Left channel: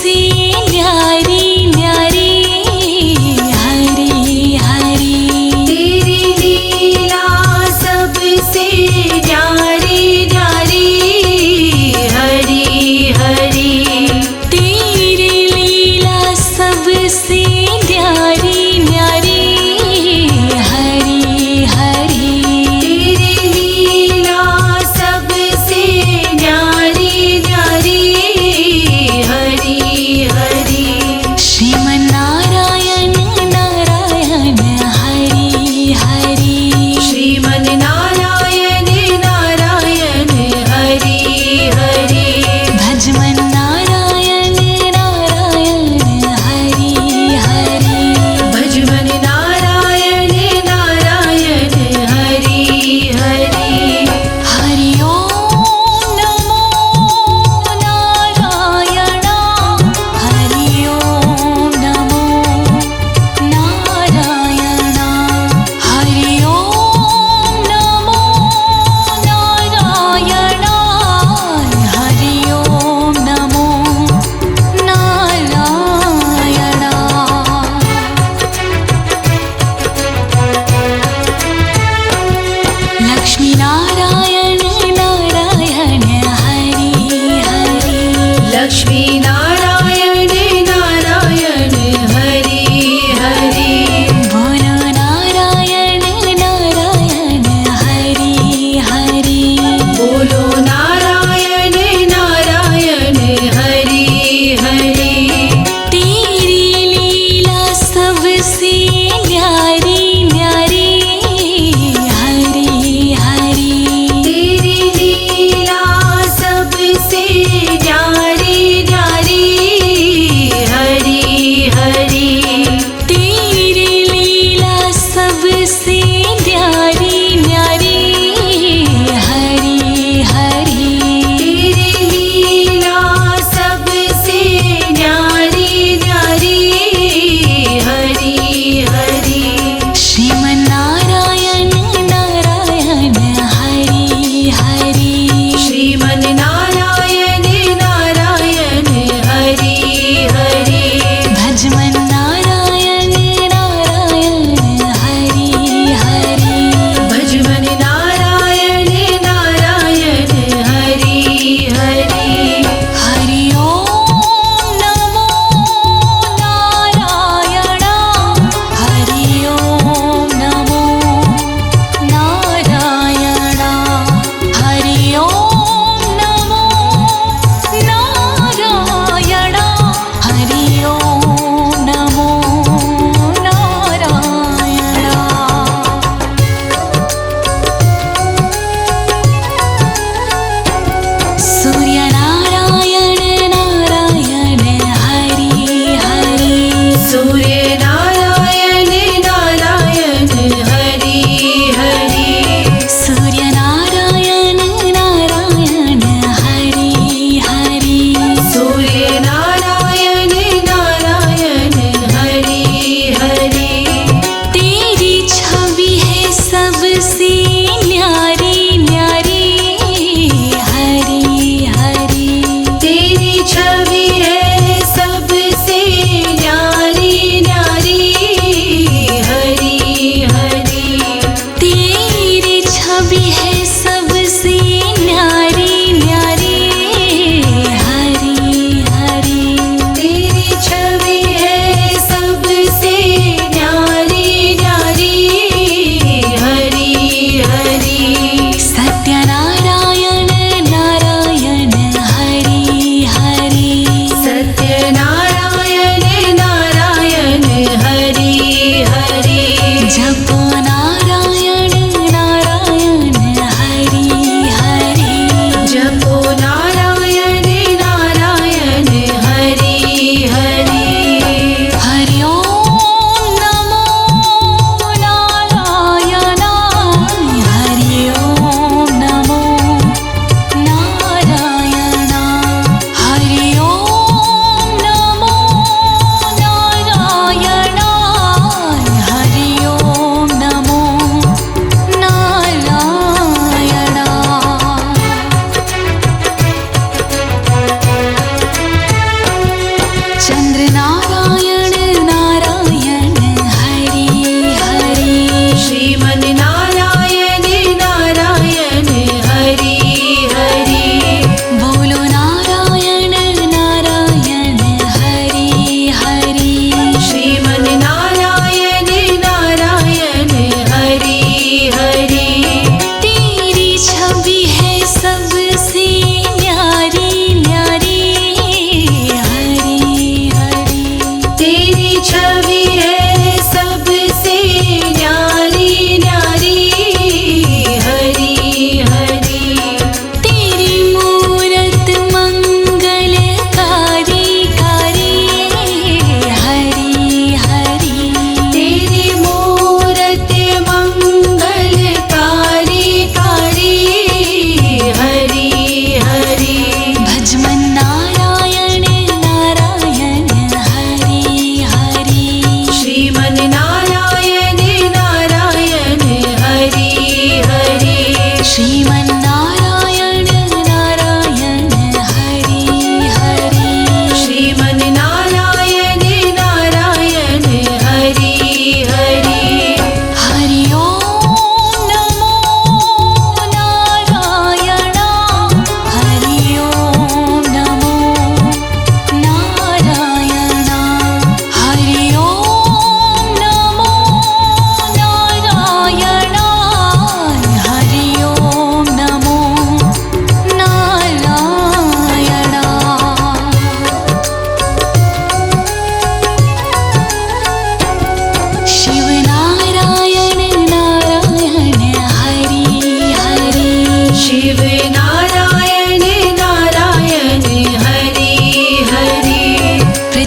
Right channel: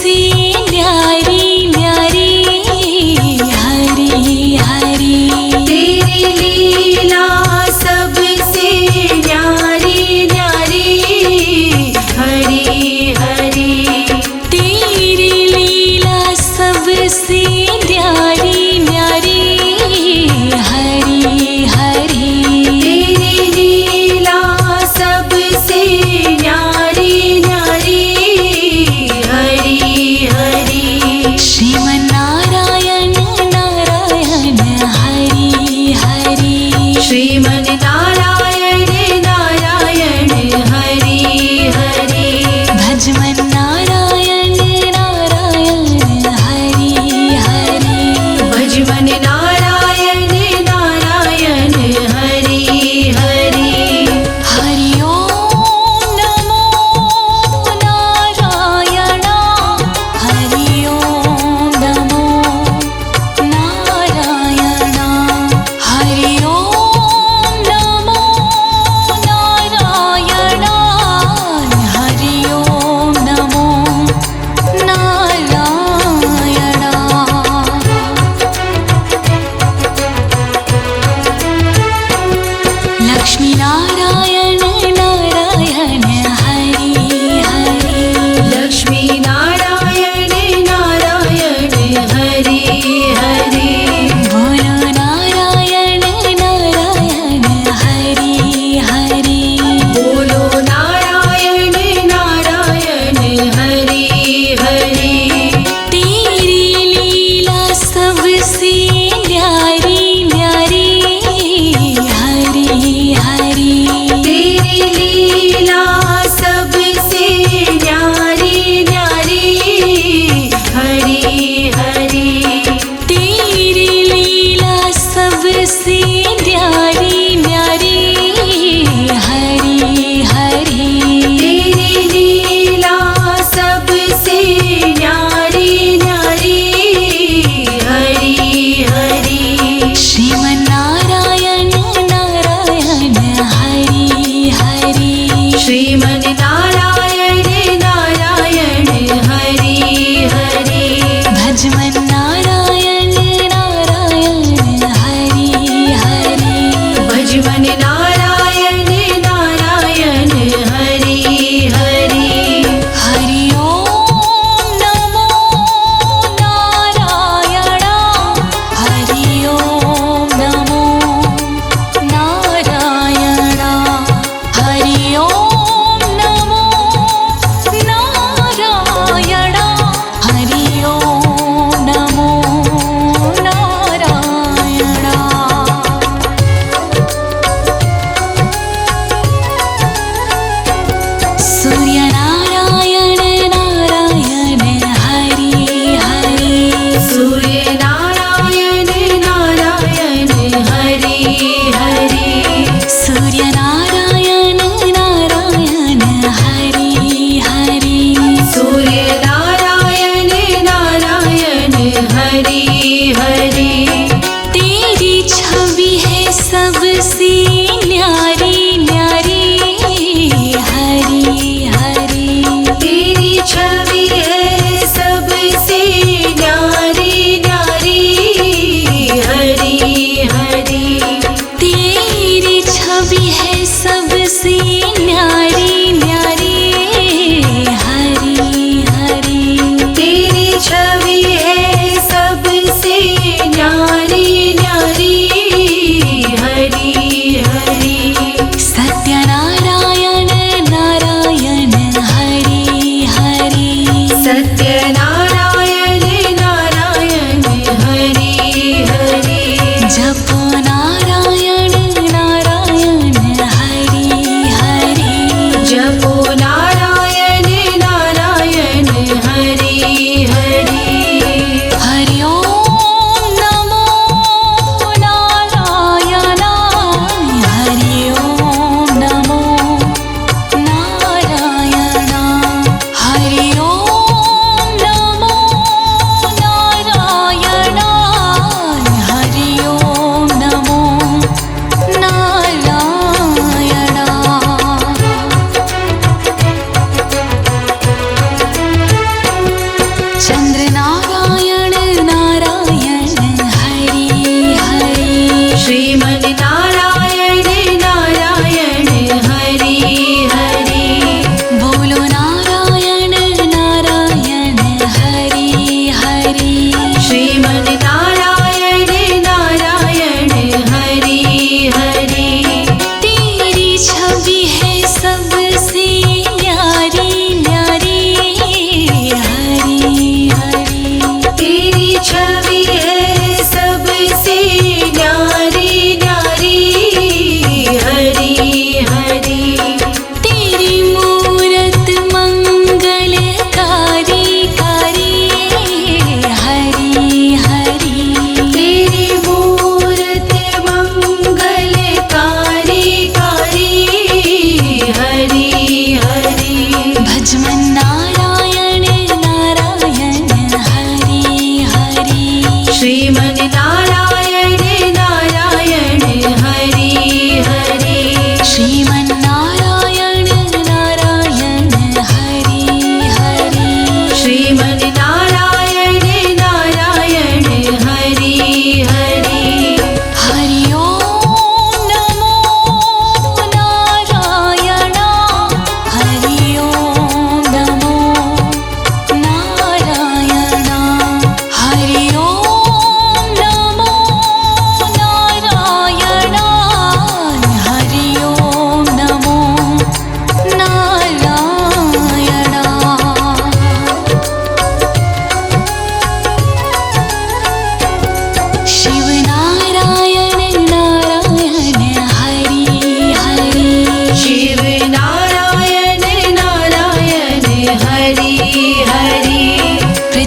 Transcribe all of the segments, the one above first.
सबसे न्यारी न्यारी हरी हरी। तेरी लीला सबसे न्यारी न्यारी हरी हरी। तेरी लीला सबसे न्यारी न्यारी हरी हरी। तेरी लीला सबसे न्यारी न्यारी हरी हरी। श्रीमन्नारायण नारायण हरि हरि। श्रीमन्नारायण नारायण हरि हरि। भजमन्नारायण नारायण हरि हरि। भजमन्नारायण नारायण हरि हरि। हरि ओम नमो नारायण हरि ओम नमो नारायण। हरि ओम नमो नारायण हरि ओम नमो नारायण। लक्ष्मी नारायण नारायण हरि हरि। लक्ष्मी नारायण नारायण हरि हरि। बोलो नारायण नारायण हरि हरि। बोलो नारायण नारायण हरि हरि। तेरी लीला सबसे न्यारी न्यारी हरि हरि। तेरी लीला सबसे न्यारी न्यारी हरि हरि। तेरी लीला सबसे न्यारी न्यारी हरि हरि। तेरी लीला सबसे न्यारी न्यारी हरि हरि। श्रीमन्नारायण नारायण हरि हरि। श्रीमन्नारायण नारायण हरि हरि। भजमन्नारायण नारायण हरि हरि। भजमन्नारायण नारायण हरि हरि। हरि ओम नमो नारायण हरि ओम नमो नारायण। हरि ओम नमो नारायण हरि ओम नमो नारायण। सूर्यनारायण नारायण हरि हरि। सूर्यनारायण नारायण हरि हरि। सूर्यनारायण नारायण हरि हरि। सूर्यनारायण नारायण हरि हरि। तेरी छवि है सबसे न्यारी न्यारी हरि हरि। तेरी छवि है सबसे न्यारी न्यारी हरि हरि। तेरी छवि है सबसे न्यारी न्यारी हरि हरि। तेरी छवि है सबसे न्यारी न्यारी हरि हरि। सत्यनारायण नारायण हरि हरि। सत्यनारायण नारायण हरि हरि। जपो नारायण नारायण हरि हरि। जपो नारायण नारायण हरि हरि। हरि ओम नमो नारायण हरि ओम नमो नारायण। हरि ओम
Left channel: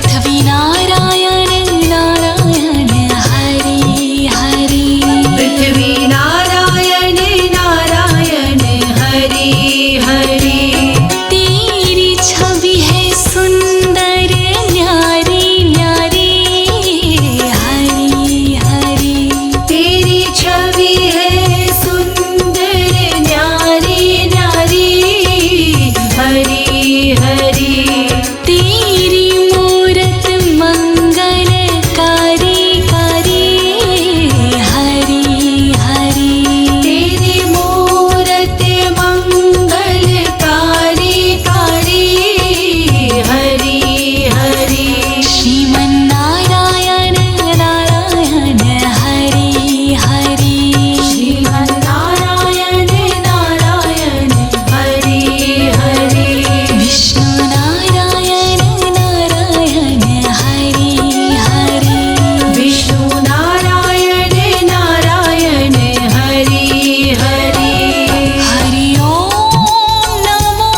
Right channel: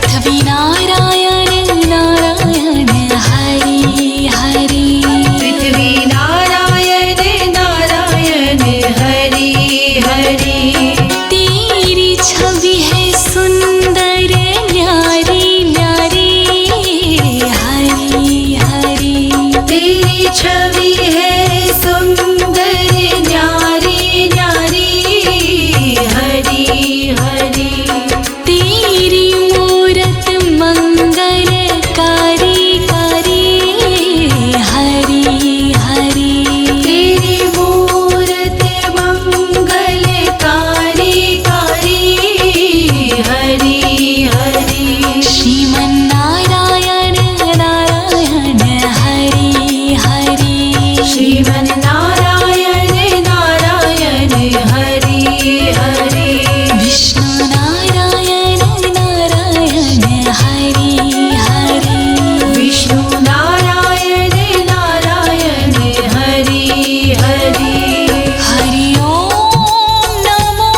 पृथ्वी नारायण नारायण हरि हरि पृथ्वी नारायण नारायण हरि हरि तेरी छवि है सुंदर न्यारी न्यारी हरि हरि तेरी छवि है सुंदर न्यारी न्यारी हरि हरि तेरी मूरत मंगलकारी कारी हरि हरि तेरी मूरत मंगलकारी कारी हरि हरि श्रीमन्नारायण नारायण हरि हरि श्रीमन्नारायण नारायण हरि हरि विष्णु नारायण नारायण हरि हरि विष्णु नारायण नारायण हरि हरि हरि ओम नमो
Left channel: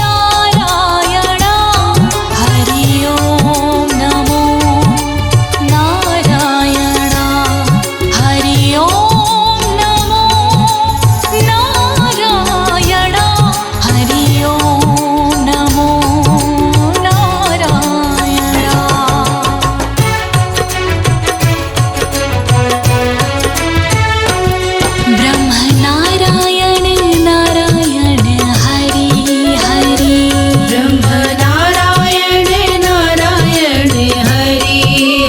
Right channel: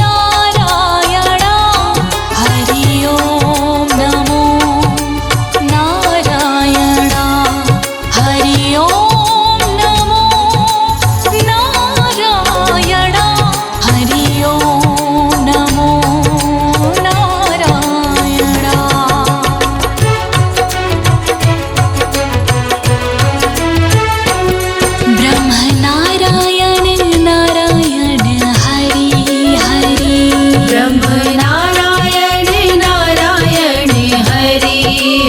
नारायण हरि ओम नमो नारायण हरि ओम नमो नारायण हरि ओम नमो नारायण ब्रह्म नारायण नारायण हरि हरि ब्रह्म नारायण नारायण हरि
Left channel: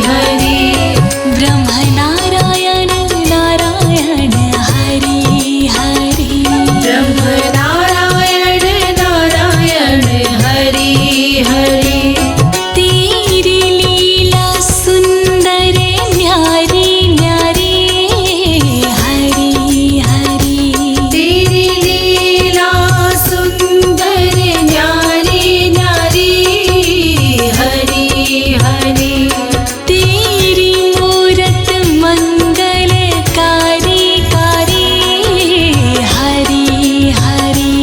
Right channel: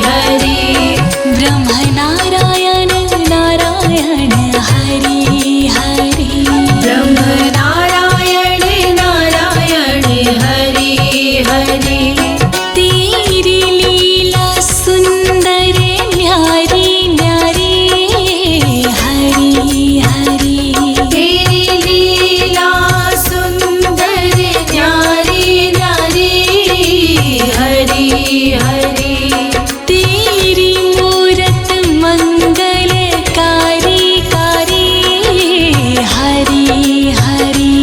हरि ब्रह्म नारायण नारायण हरि हरि ब्रह्म नारायण नारायण हरि हरि तेरी लीला सुंदर न्यारी न्यारी हरि हरि तेरी लीला सुंदर न्यारी न्यारी हरि हरि तेरी मूरत मंगलकारी कारी हरि हरि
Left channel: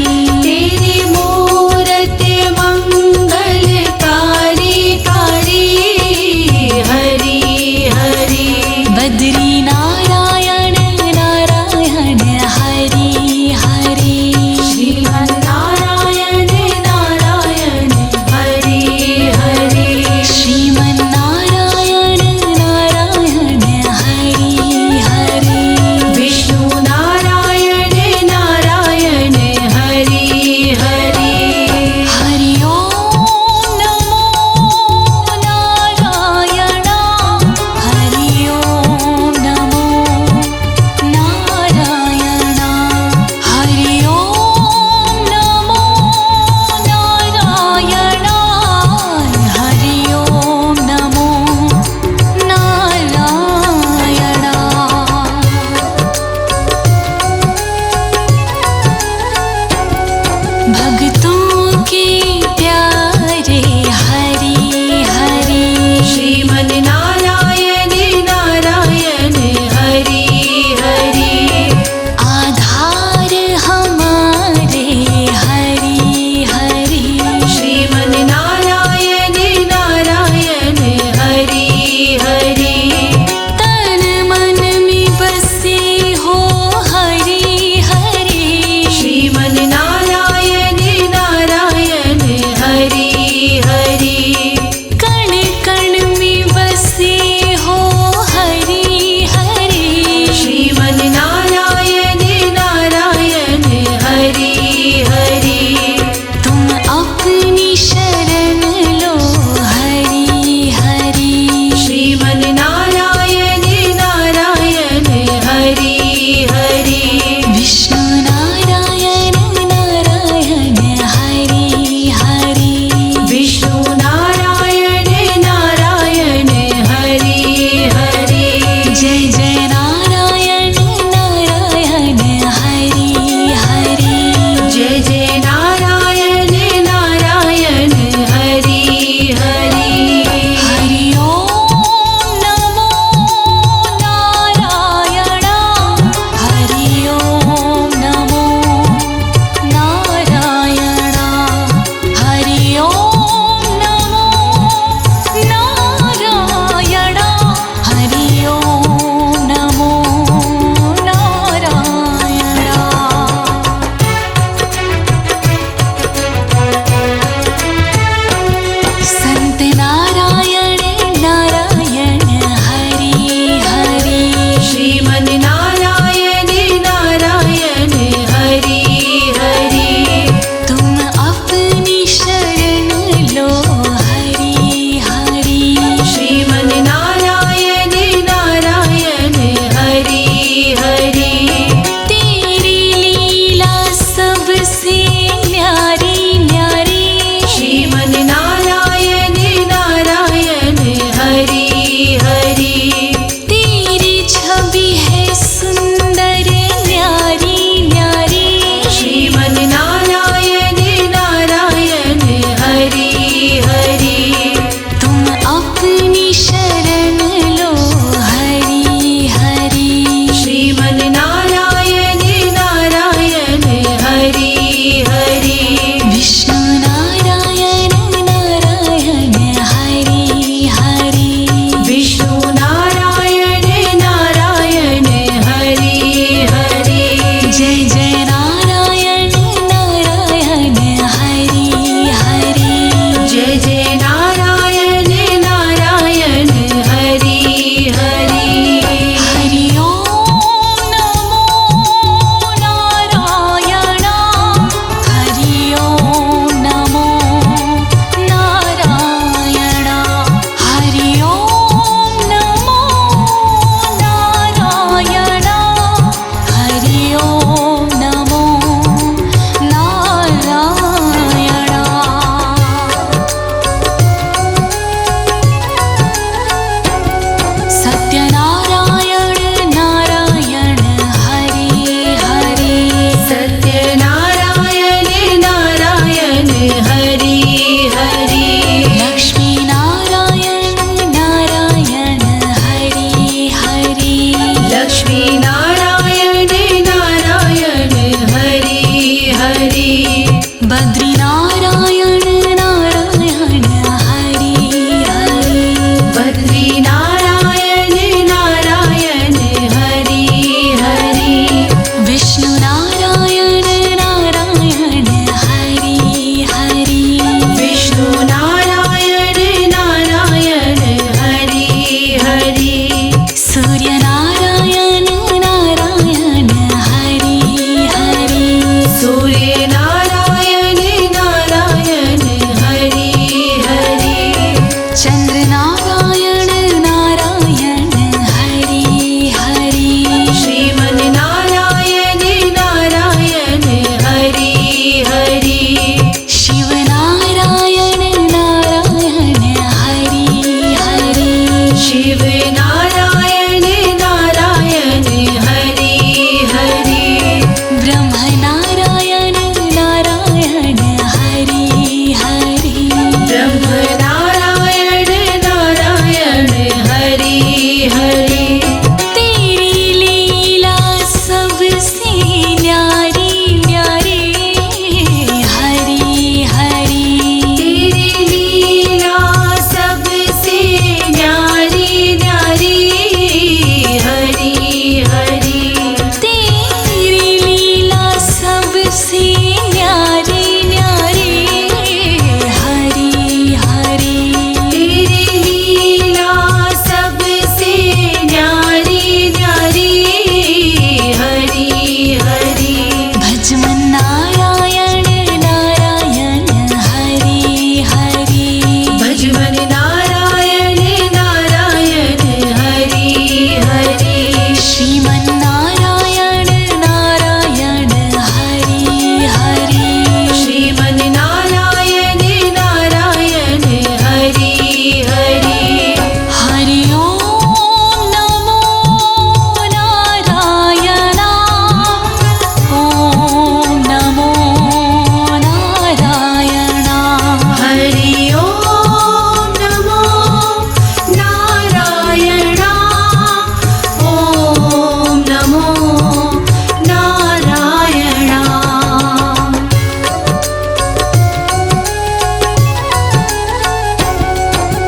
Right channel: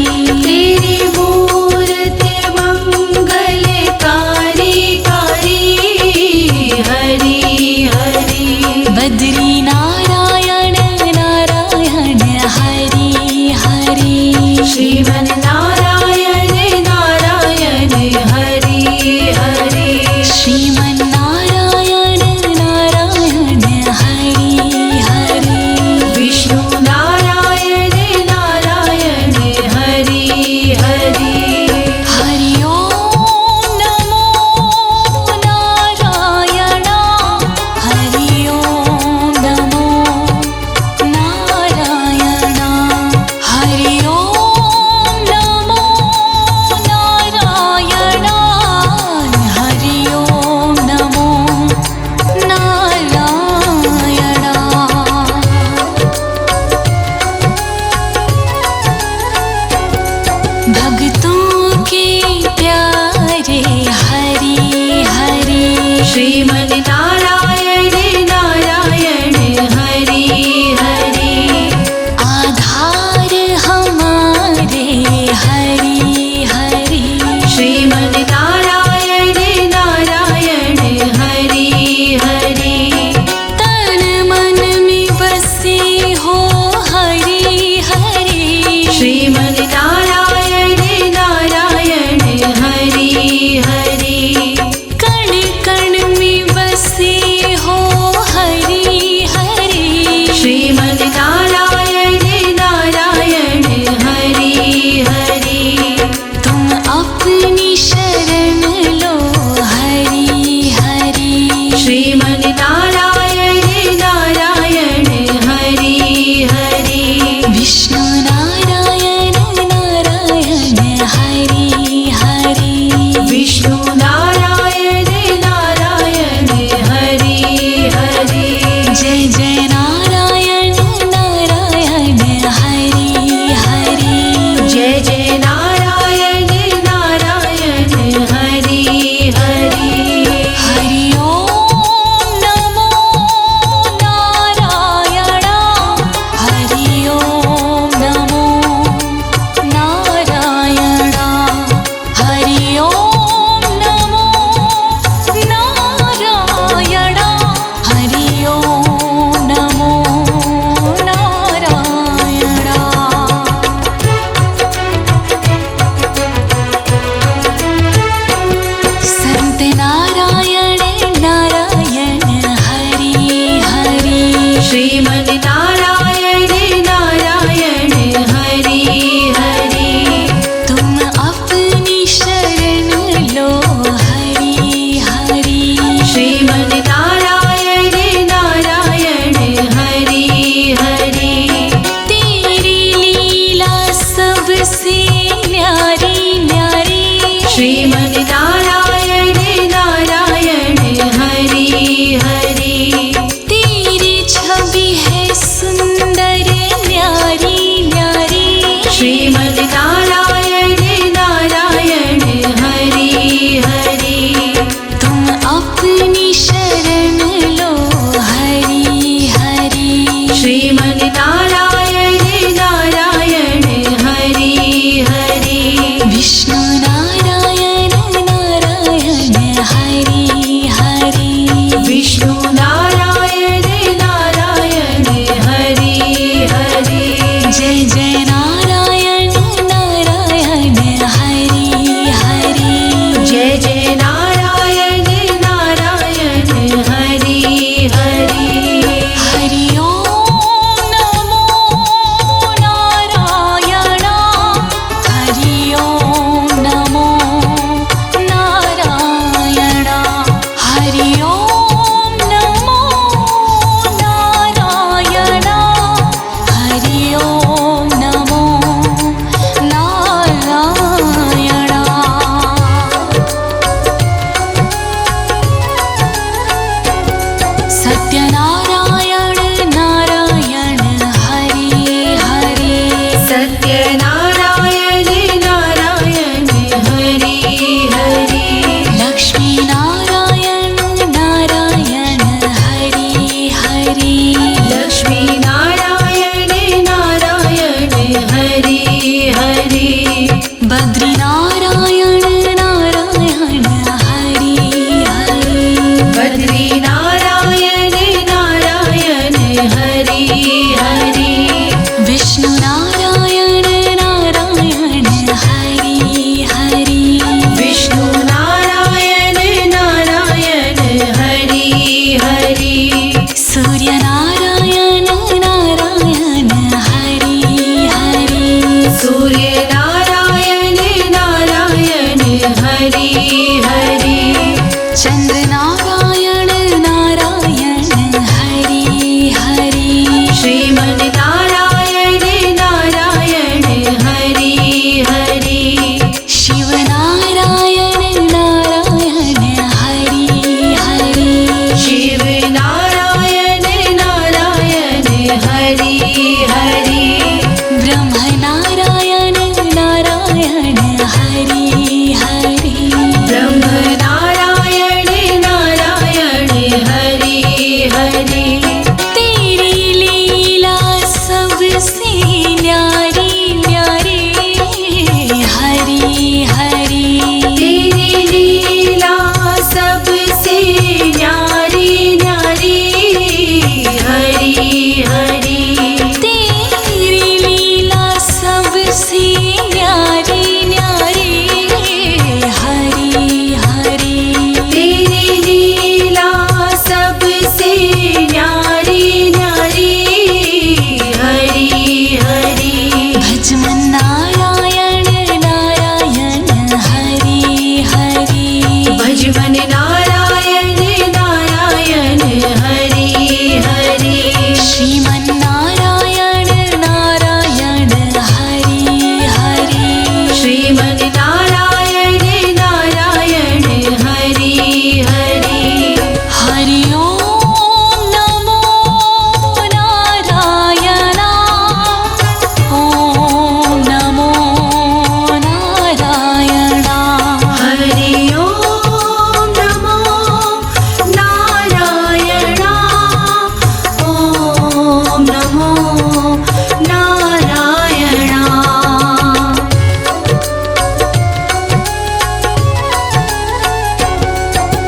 तेरी मूरत मंगलकारी कारी हरि हरि बद्री नारायण नारायण हरि हरि श्रीमन्नारायण नारायण हरि हरि श्रीमन्नारायण नारायण हरि हरि विष्णु नारायण नारायण हरि हरि हरि ओम नमो नारायण हरि ओम नमो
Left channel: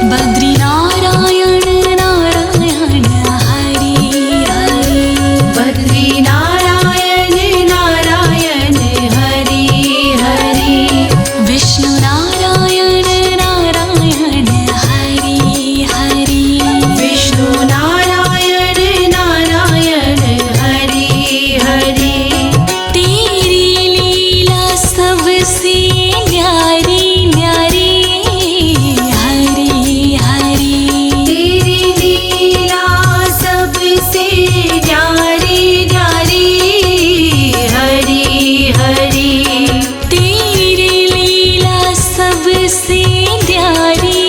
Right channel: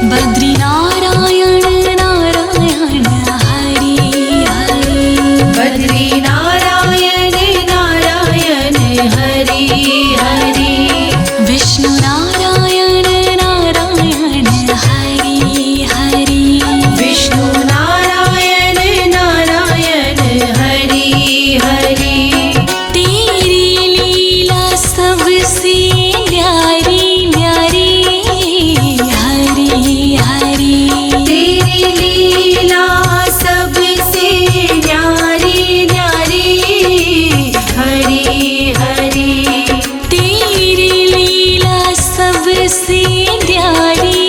बद्री नारायण नारायण हरि हरि बद्री नारायण नारायण हरि हरि विष्णु नारायण नारायण हरि हरि विष्णु नारायण नारायण हरि हरि तेरी लीला सबसे न्यारी न्यारी हरि हरि तेरी लीला सबसे न्यारी न्यारी हरि हरि तेरी लीला सबसे न्यारी